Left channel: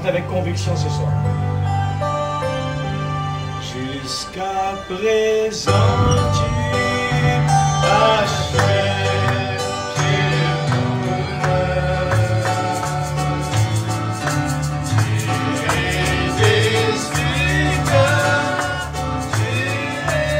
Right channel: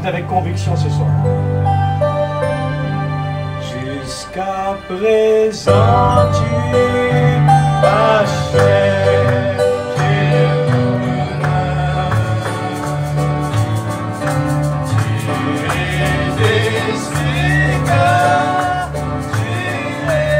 chante avec conviction ce soir. Jusqu'à présent, tu achètes mon âme. Tu es déçu car tu es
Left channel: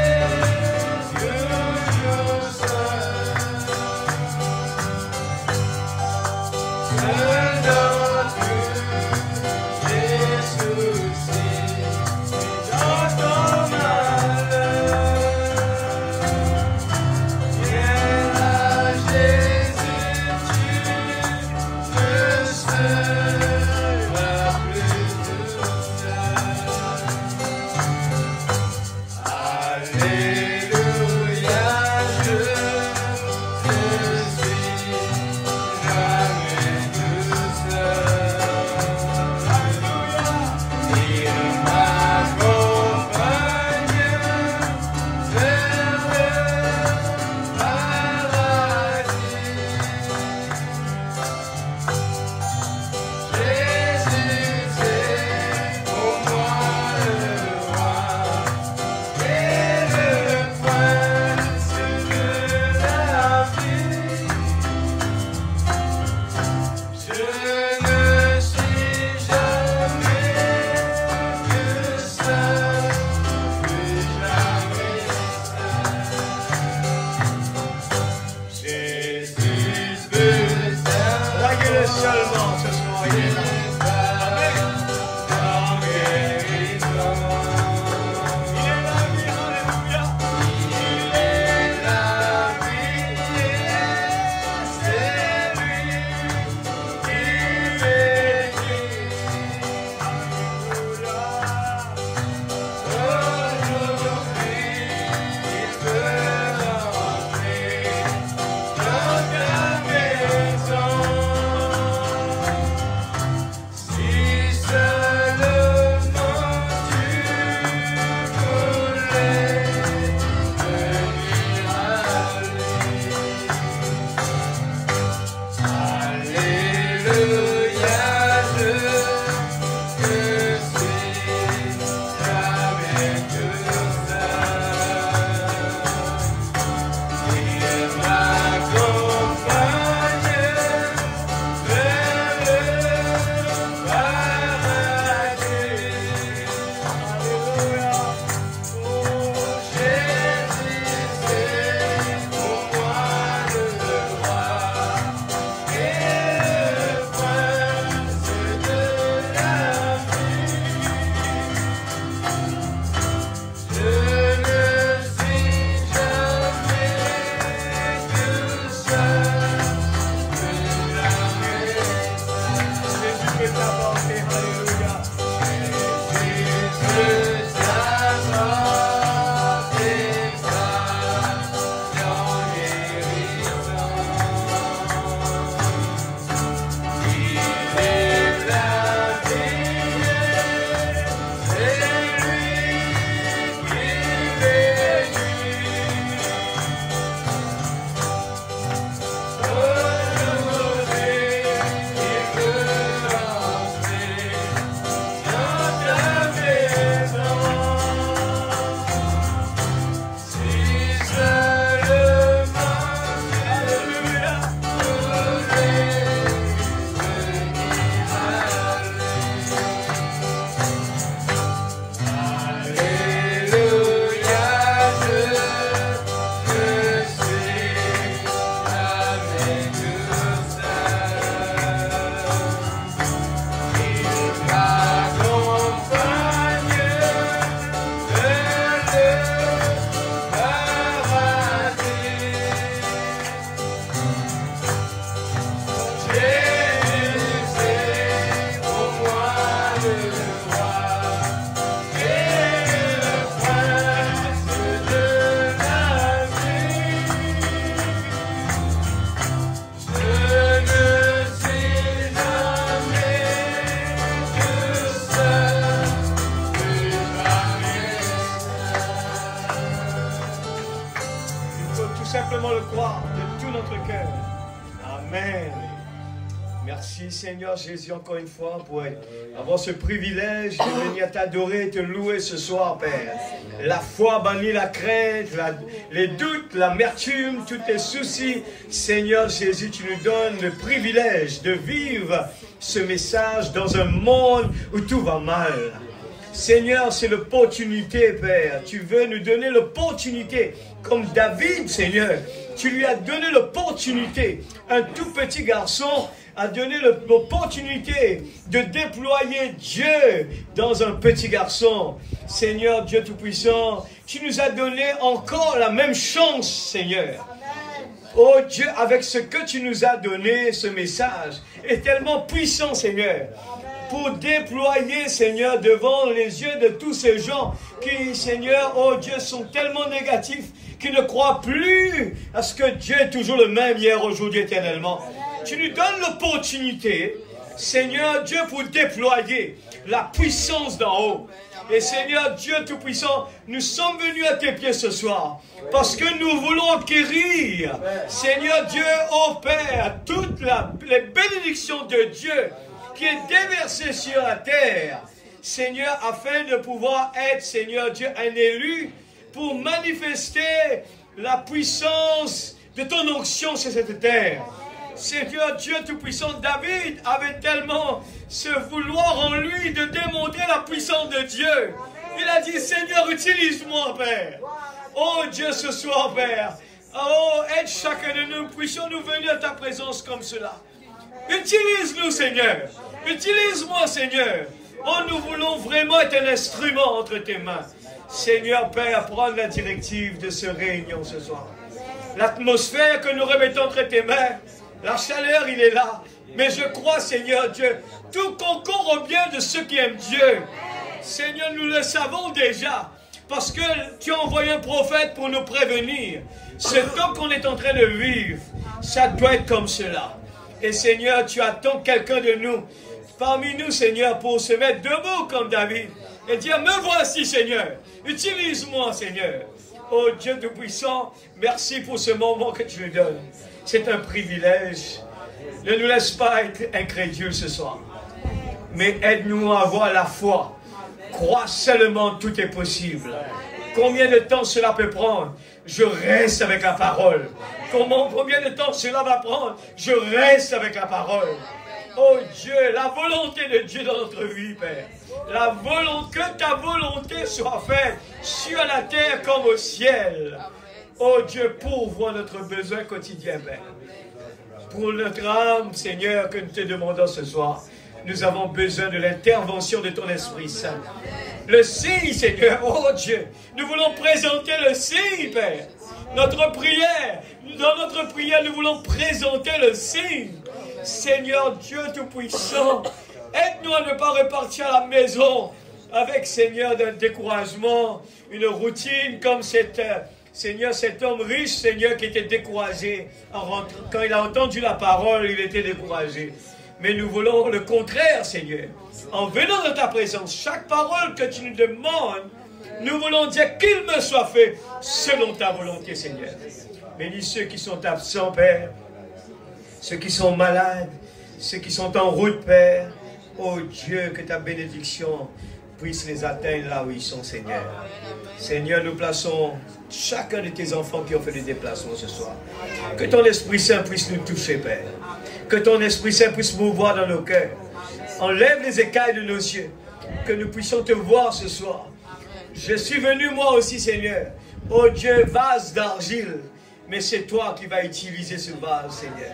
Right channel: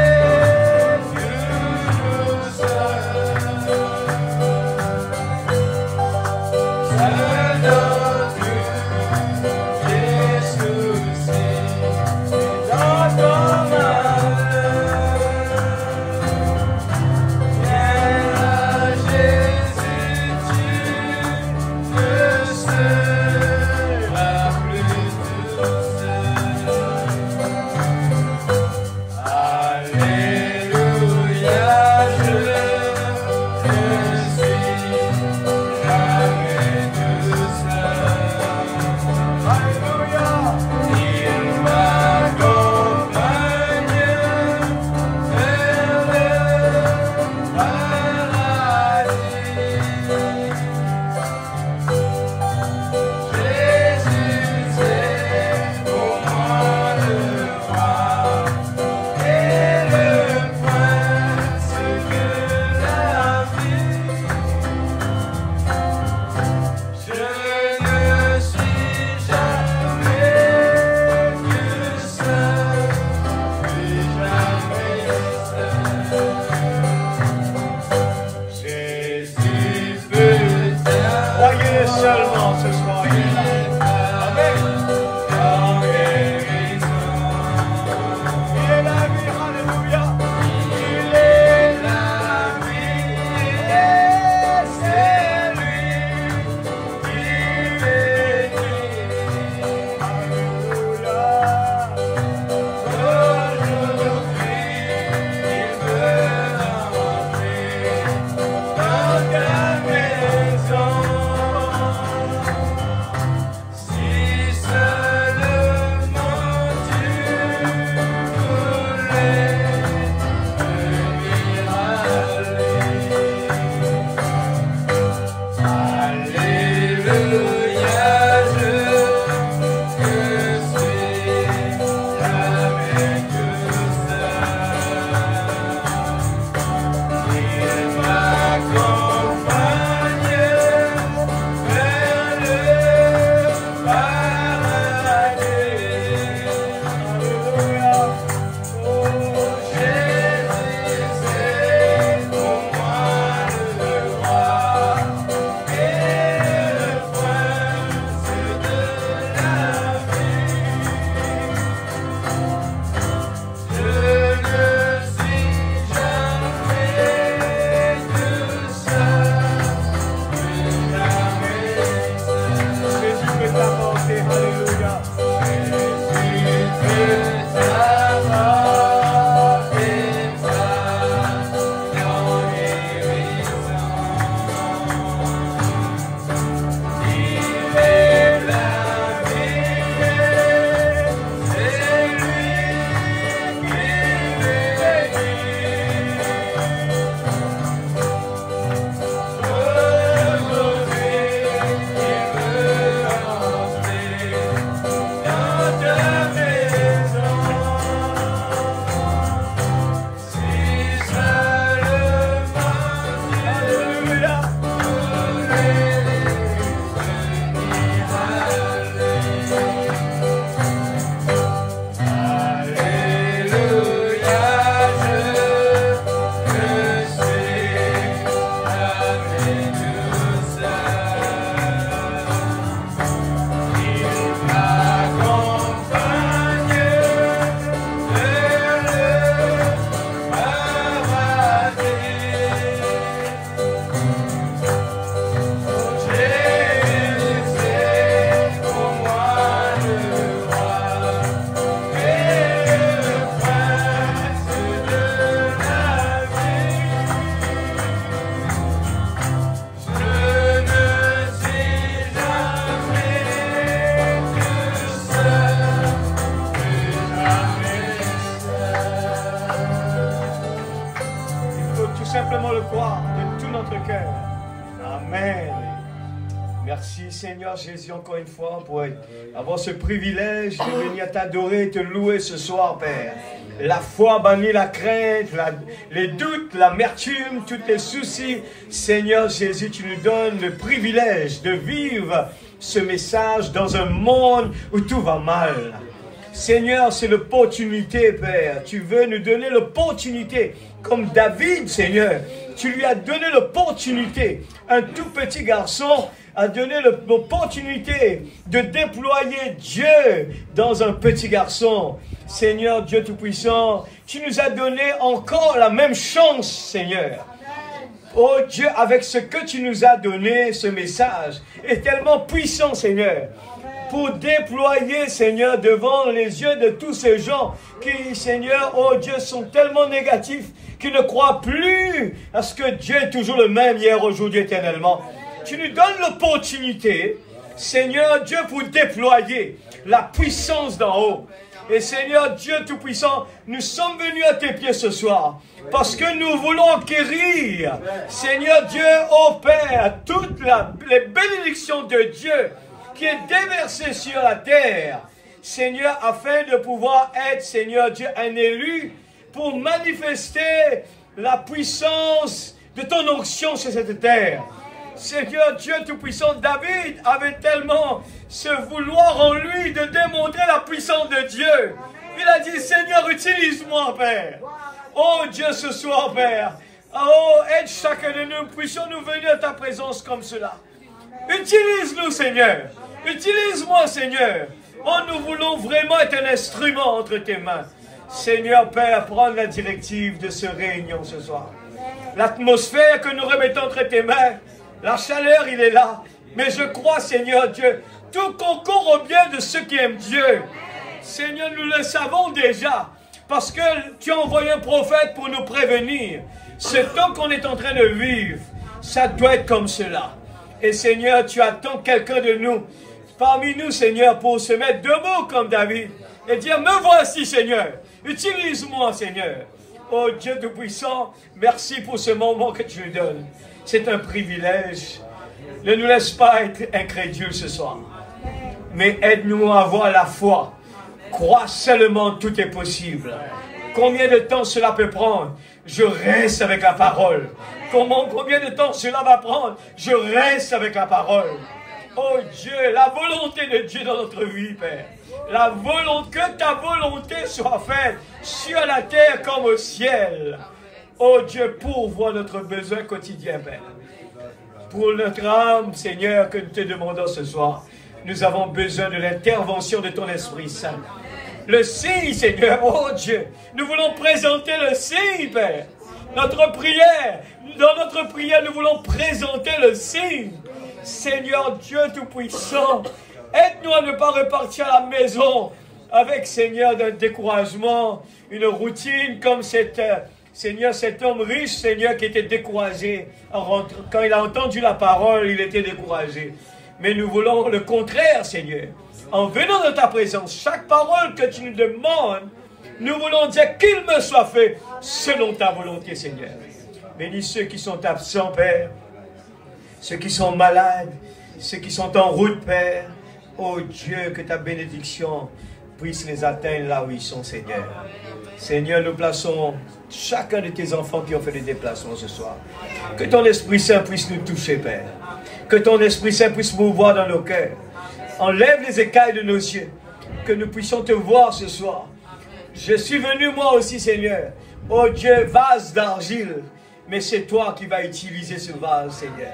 Dieu seul. Seulement ce soir, il est là. Seigneur Jésus, encore une fois, pour avoir ce privilège de venir t'adorer et te louer ce soir, Père. La foi bannit la crainte, les doutes, l'amertume, tous les soucis. Seigneur Jésus, tu nous donnes le privilège de vivre ce message dans un monde où tout va mal. Seigneur, c'est l'opportunité, Père. Tu veux nous donner l'opportunité, comme David, Seigneur. Tu lui as donné l'opportunité. Un tout petit garçon a donné l'opportunité de déployer Dieu dans un petit garçon. Seigneur Dieu Tout-Puissant, tu nous as donné encore la même chance, Seigneur. Oh Dieu, avec ce que tu nous as donné, ce message est tellement puissant, Seigneur, pour déployer, Seigneur, devant les yeux de tous ces gens qui, Seigneur, oh Dieu, sont tellement négatifs, qui ne croient plus à ce que Dieu est toujours le même hier, aujourd'hui, éternellement. Tu nous donnes l'opportunité, Seigneur Dieu, pour déployer la puissance d'en haut. Et Seigneur Dieu Tout-Puissant, nous sommes venus à tes pieds ce soir parce que nous voulons acquérir, Seigneur Dieu, ô Père, toutes les bénédictions de Dieu qui est déversée sur la terre, Seigneur, afin de pouvoir être, Seigneur Dieu, un élu pour manifester la puissance de ton onction sur cette terre. Seigneur Dieu Tout-Puissant, David avait tellement ce vouloir en lui de démontrer la puissance de Dieu. Il a dit, Seigneur, utilise-moi, Père. Oh Dieu, ce soir, Père. Oh, aide chacun de nous, puissions-nous venir à ta présence comme cela. Utilise-nous, Seigneur. Utilise-moi, Seigneur. Oh, nous voulons vraiment être un instrument entre tes mains. Seigneur, Père, prends la directive de ce réunion ce soir. L'atmosphère que nous remettons entre tes mains, la chaleur, il est là. Mais je crois, Seigneur Dieu, tout concourt au bien de ceux qui aiment Dieu. Seigneur, nous le savons déjà. Parce que tu as envoyé un prophète pour nous prévenir. Ce temps qu'on est en train de vivre, ça doit être comme cela. Et Seigneur, tu attends quelqu'un de nous, parmi nous, Seigneur, pour se mettre debout comme David. Et dire, me voici, Seigneur. Utilise-moi, Seigneur. Oh Dieu Tout-Puissant, merci pour ce moment que tu nous donnes. C'est un privilège. Ne nous laisse pas être incrédules ce soir. Mais aide-nous à avoir la foi. Crois seulement, tout est possible. Combien de temps cela peut prendre? Je reste avec la parole. Combien de temps cela va prendre? Je reste avec la parole. Oh Dieu, la volonté de Dieu dans notre vie, Père. La volonté, que ta volonté soit faite sur la terre comme au ciel. Oh Dieu, pourvois notre besoin quotidien, Père. Pour notre âme, Seigneur, que nous te demandons ce soir, nous avons besoin de l'intervention de ton Esprit Saint. Le signe, Seigneur, oh Dieu, nous voulons présenter le signe, Père. Notre prière, dans notre prière, nous voulons présenter le signe. Seigneur Dieu Tout-Puissant, aide-nous à ne pas repartir à la maison avec, Seigneur, un découragement, une routine comme Seigneur, cet homme riche, Seigneur, qui était découragé. Quand il a entendu la parole, il était découragé. Mais nous voulons le contraire, Seigneur. En venant dans ta présence, chaque parole que tu nous demandes, nous voulons dire qu'il me soit fait selon ta volonté, Seigneur. Bénis ceux qui sont absents, Père. Ceux qui sont malades, ceux qui sont en route, Père. Oh Dieu, que ta bénédiction puisse les atteindre là où ils sont, Seigneur. Seigneur, nous plaçons chacun de tes enfants qui ont fait des déplacements ce soir. Que ton Esprit Saint puisse nous toucher, Père. Que ton Esprit Saint puisse mouvoir dans nos cœurs. Enlève les écailles de nos yeux. Que nous puissions te voir ce soir. Je suis venu moi aussi, Seigneur. Oh Dieu, vase d'argile. Mais c'est toi qui vas utiliser ce vase, Seigneur.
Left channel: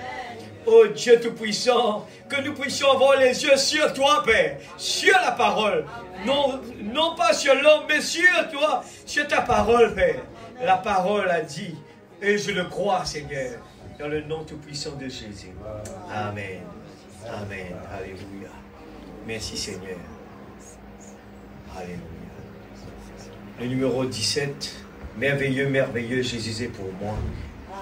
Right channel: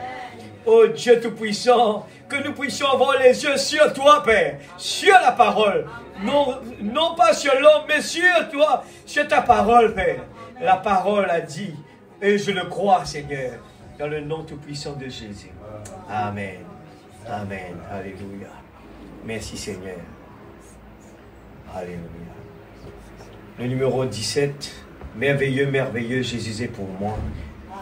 Oh Dieu Tout-Puissant, que nous puissions avoir les yeux sur toi, Père, sur la parole. Non pas sur l'homme, mais sur toi, sur ta parole, Père. La parole a dit, et je le crois, Seigneur, dans le nom Tout-Puissant de Jésus. Amen. Amen. Alléluia. Merci, Seigneur. Alléluia. Le numéro 17, merveilleux, merveilleux, Jésus est pour moi.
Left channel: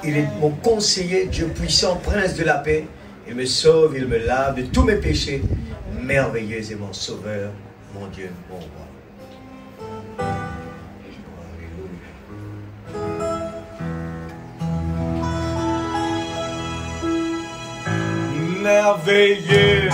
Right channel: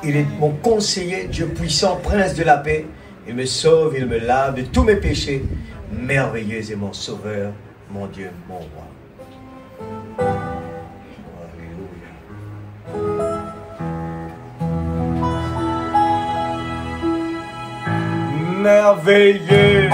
Il est mon conseiller, Dieu puissant, prince de la paix. Il me sauve, il me lave de tous mes péchés. Merveilleux est mon sauveur, mon Dieu, mon roi. Alléluia. Merveilleux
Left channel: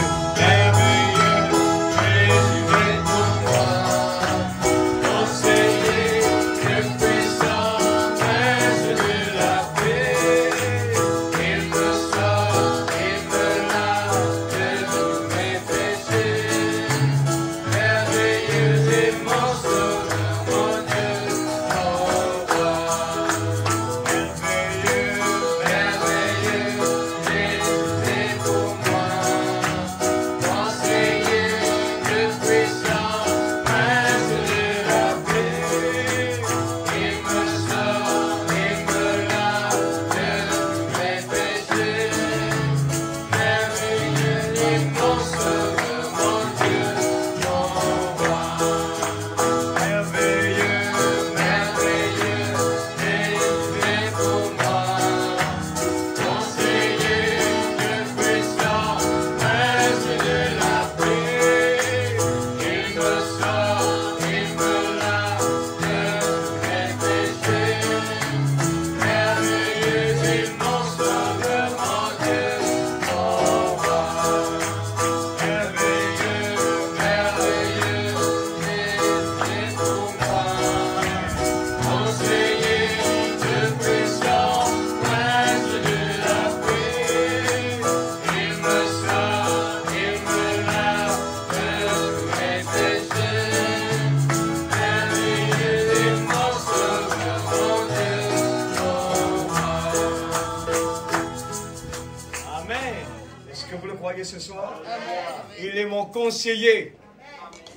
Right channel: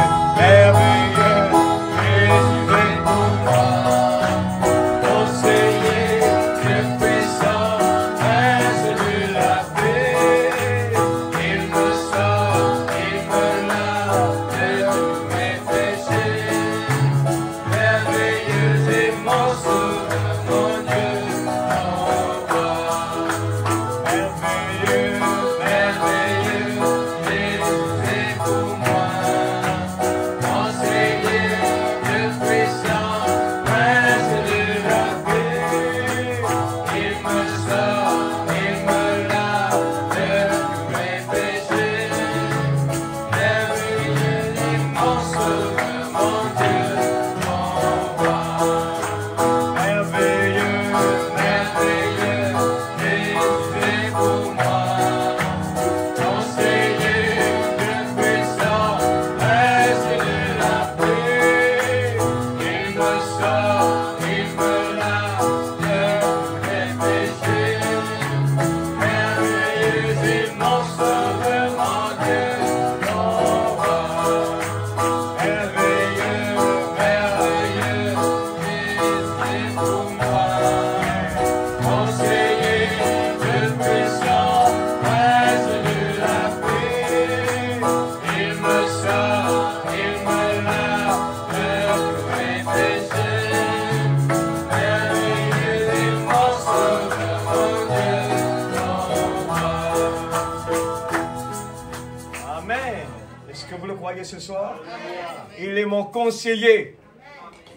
Il est mon conseiller.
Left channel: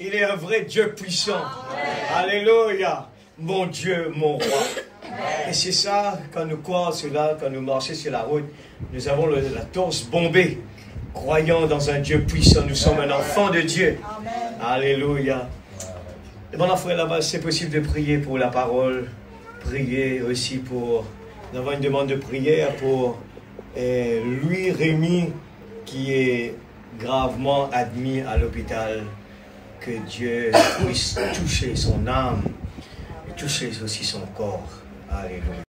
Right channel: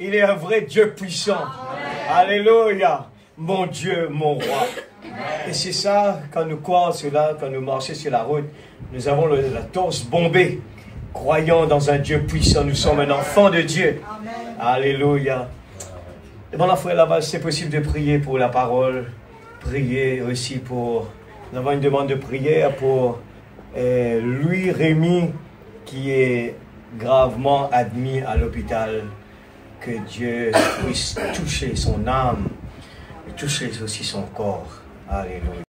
Il est un vrai Dieu puissant. Alléluia. Mon Dieu, mon roi. Et c'est ça, quand nous croyons cela, quand nous marchons sur la route, nous avons la torse bombée. Croyant dans un Dieu puissant, nous sommes un enfant de Dieu. Alléluia. Et mon frère là-bas, c'est possible de prier pour la parole. Prier aussi pour... Nous avons une demande de prière pour Louis Rémy, qui est gravement admis à l'hôpital. Que Dieu puisse toucher son âme et toucher aussi son corps. Alléluia.